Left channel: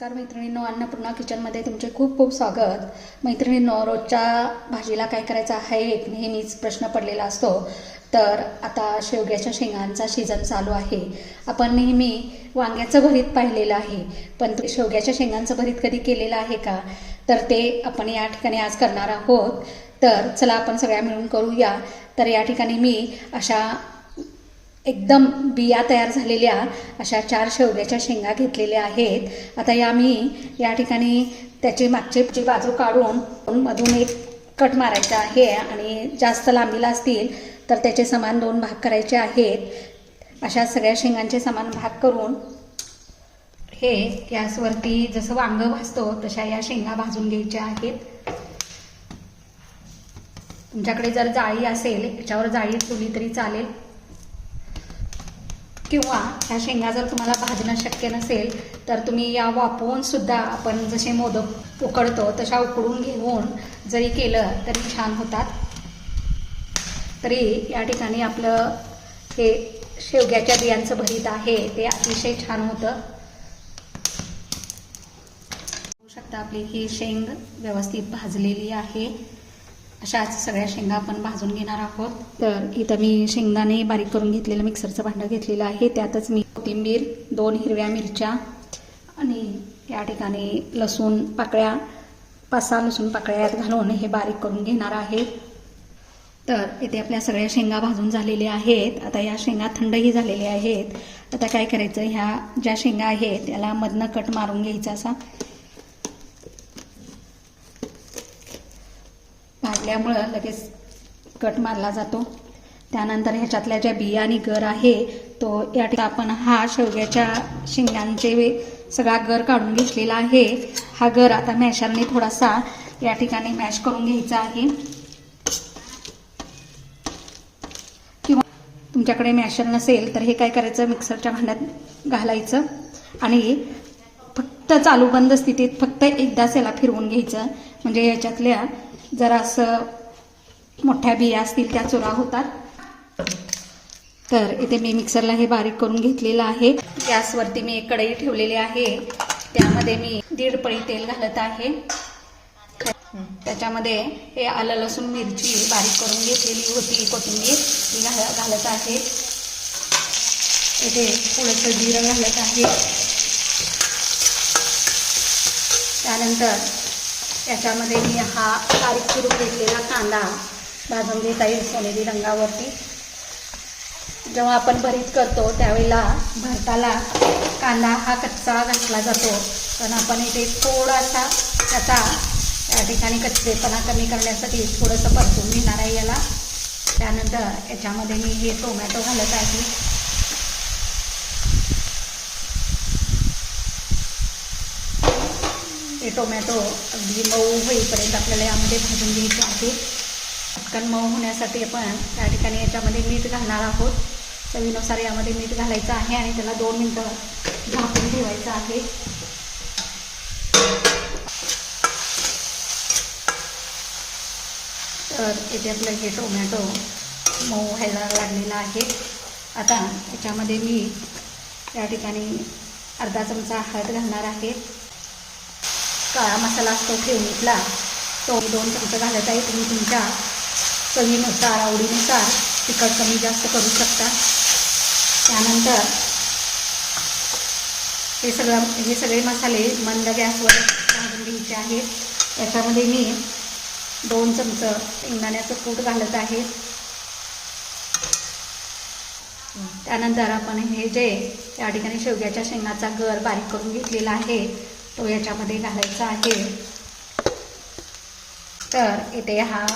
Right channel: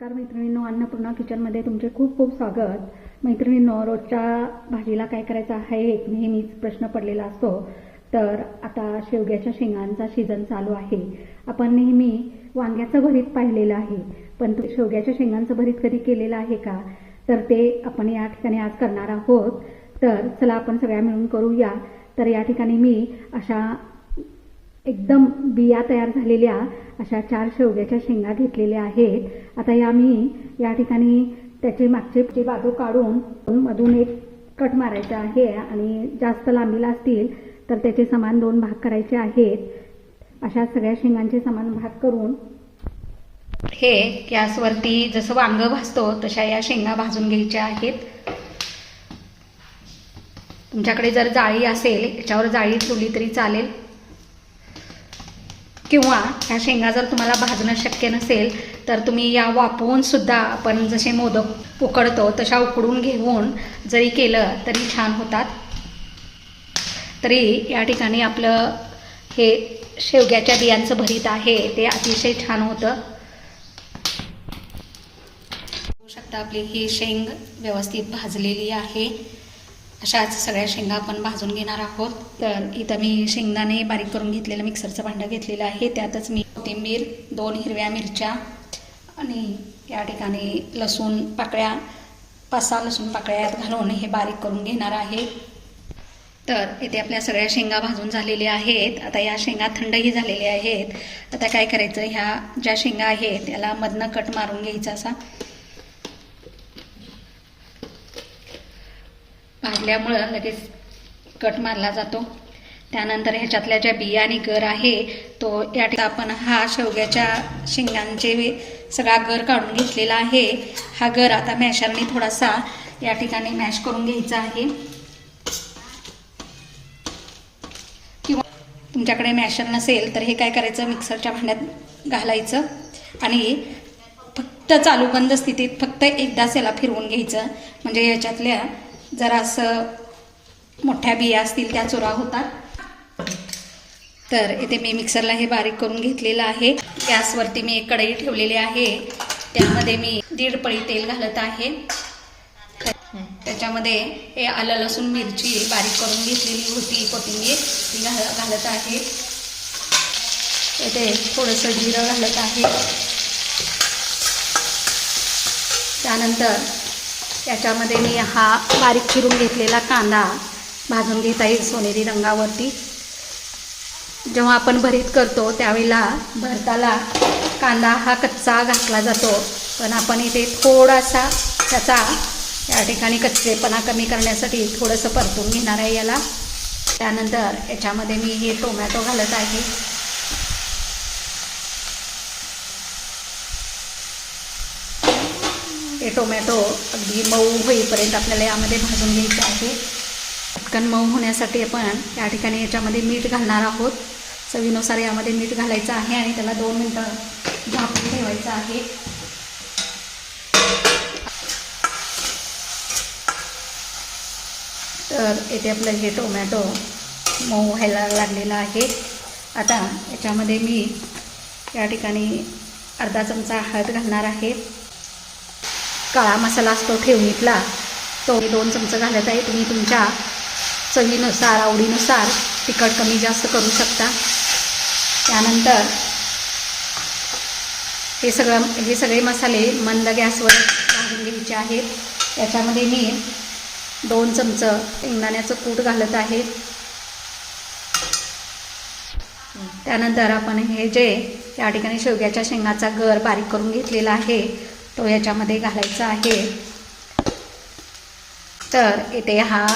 नमस्कार मैत्रिणींनो, अन्नपूर्णा किचनमध्ये तुमचे खूप खूप स्वागत। मैत्रिणींनो, रोजच्या भाजीला काय करायचं आहे एक नेहमीच प्रश्न पडलेला असतो। तर आता शेवग्याच्या शेंगांचा सीझन चालू आहे। आपण नेहमी वांग्याचं भरीत पाहिलेलं आहे, पण शेवग्याच्या शेंगांचं भरीत कधी केलेलं आहे का? तर ते आपण या ठिकाणी आज करणार आहोत। तर चला आपण सगळ्या मिळून करूया। तर या ठिकाणी मी अशा एकदम बिया तयार झालेल्या अशा 4 शेवग्याच्या शेंगा घेतलेल्या आहेत। आता या ठिकाणी त्याची मागची बाजू काढून मधून एक कट मारायचा आहे आणि जास्त लांबीला असतील तर त्याचे समान 2 भाग करायचे आहेत। अशा सगळ्या शेंगांचे समान भाग करून हे गॅसवरती जसं वांग भाजतो तशा या शेंगा भाजून घ्यायच्या आहेत। तुमच्याकडे जर जाळी असेल, याच्यावर जाळी ठेवली तरी चालेल, किंवा ह्या शेंगा जर तुम्हाला भाजणं शक्य नसेल तर तुम्ही या वाफवून सुद्धा आपण जसे मोदक उकडतो तशा उकडून घेऊन जरी केलं तरी छान होतात। तरी या ठिकाणी आपलं हे शेवग्याच्या बियांचं भरीत आहे ते अतिशय छान होतं। बघू शकता आपली ही शेंग व्यवस्थित भाजलेली आहे। अशाच सगळ्या शेंगा आपण भाजून घेणार आहोत। तर इथं मी शेंगदाणे बारीक करून घेतलेलं मिक्सरचं भांडं घेतलेलं आहे। त्यातच मी कोथिंबीर, 2 हिरव्या मिरच्या आणि या ठिकाणी लसूण पाकळ्या, 5-6 लसूण पाकळ्या यात घालून हे बारीक करून घेणार आहे। तर इथे आपल्या सगळ्या शेंगा भाजून झालेल्या आहेत। आता या शेंगा थंडही झालेल्या आहेत। आता काय करायचं, ह्या ज्या शेंगा आहेत त्याला मधनं कट मारून घ्यायचा असा। भाजल्यामुळं लगेच कट मारला जातो। त्यानंतर ह्याच्यातल्या ज्या बिया आणि गर आहे तो या ठिकाणी आपण हा शेवग्याच्या शेंगांचे सगळा गर काढून घेतलेला आहे। हा गर आता मॅशरने थोडासा या ठिकाणी मॅश करून घ्यायचा आहे, किंवा तुमच्याकडे मॅशर नसेल तर हे काय करायचं, मिक्सरच्या भांड्यात घालायचं आणि फक्त चालू बंद स्थितीत फक्त एकदाच याला फिरवून घ्यायचं, म्हणजे ह्याच्यातल्या जरा असं मोठ्या बिया असतील त्या चुरा होतात। तर इथे मी मिक्सरला हे बारीक करून घेतलेलं आहे। गॅसवरती मी एक कढई ठेवलेली आहे, त्यामध्ये मी 1.5 पळी तेल घालत आहे। त्याच्यामध्ये हे आलं लसूण मिरची बारीक करून घेतलेली होती, कोथिंबीर ती घालत आहे। इथे थोडंसं जिरं घालत आहे। त्यानंतर याच्यामध्ये मी हा बारीक चिरून घेतलेला कांदा भाजून घेता येईल सोनेरी रंगावरती। जेव्हा आपण भरीत करतो त्यावेळेला भरताला कांदा हा कच्चा घातला जातो, पण आपण इथे थोडासा त्याचा या ठिकाणी कच्चेपणा कमी करण्यासाठी थोडंसं परतून घेणार आहे याला। त्यानंतर याच्यामध्ये मी हे टोमॅटो घालत आहे। हे टोमॅटो अगदी मऊ होईपर्यंत आपल्याला यामध्ये भाजून घ्यायचं आहे। पटकन मऊ होण्यासाठी आपण या ठिकाणी याच्यामध्ये मीठ घालणार आहोत। चवीनुसार यामध्ये मीठ घालायचं आहे आणि त्याला 2 मिनिटं झाकून ठेवायचं आहे। तर इथे आपलं हे टोमॅटो मऊ व्हायला लागलेला आहे। आता याच्यामध्ये मी या ठिकाणी अर्धा चमचा हळद घालणार आहे। काळा मसाला असतो ठेवणीतला, तो 2 चमचे घालत आहे। तुम्ही तुमच्या चवीनुसार, आवडीनुसार तिखट कमी जास्त करू शकता। त्यानंतर हे सगळे मसाले मंद गॅसवर भाजून घ्यायचे आहेत। याच्यामध्ये मी 2 चमचे शेंगदाण्याचं कूट घालत आहे। त्यानंतर आपण हे जे या ठिकाणी शेवग्याच्या शेंगाचा गर बारीक करून घेतलेला आहे तो याच्यामध्ये घालायचा आहे। तर इथे हा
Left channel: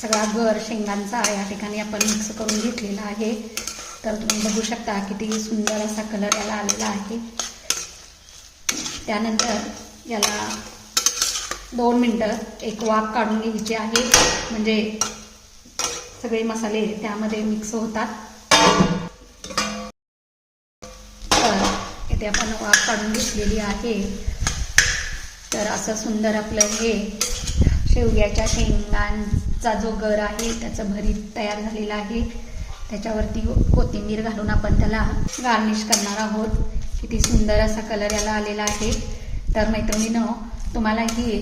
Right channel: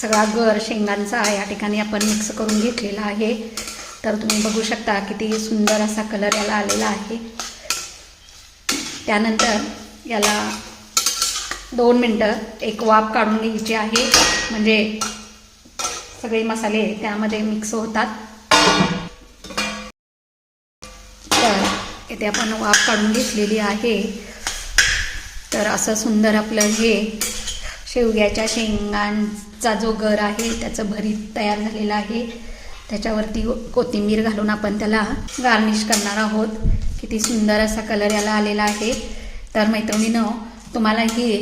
सगळा गर शेंगांचा या ठिकाणी आपण मिक्स करून घेतलेला आहे। तर तुम्ही बघू शकता किती सुंदर असा कलर याला आलेला आहे। त्यानंतर याला 2 मिनिटं एक वाफ काढून घ्यायची आहे, म्हणजे सगळे मसाले त्यामध्ये मिक्स होतात। तर इथे आपण वाफ काढून घेतलेली आहे। तर असं सुंदर आपलं हे शेवग्याच्या शेंगांचा जो गर आहे त्याचं भरीत तयार झालेलं आहे। त्याच्यावरती कोथिंबीर घालून आपण त्याला गार्निश करणार आहोत। किती सुंदर असा कलर याला आलेला आहे। तर मैत्रिणींनो, तुम्हालाही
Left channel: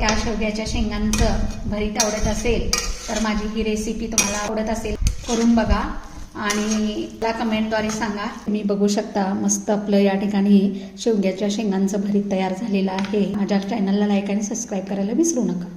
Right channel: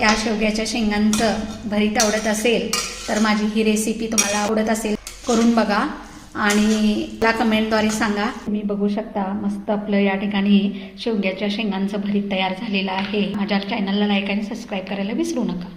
या शेवग्याच्या शेंगांचं भरीत आवडत असेल तर माझी ही रेसिपी तुम्हाला आवडत असेल करून बघा आणि मला कमेंटद्वारे सांगा. तुम्ही बघू शकता मस्त आपलं या ठिकाणी शेवग्याच्या शेंगांचं भरीत तयार झालेलं आहे. माझ्या चॅनलला लाईक आणि सबस्क्राईब करायला विसरू नका.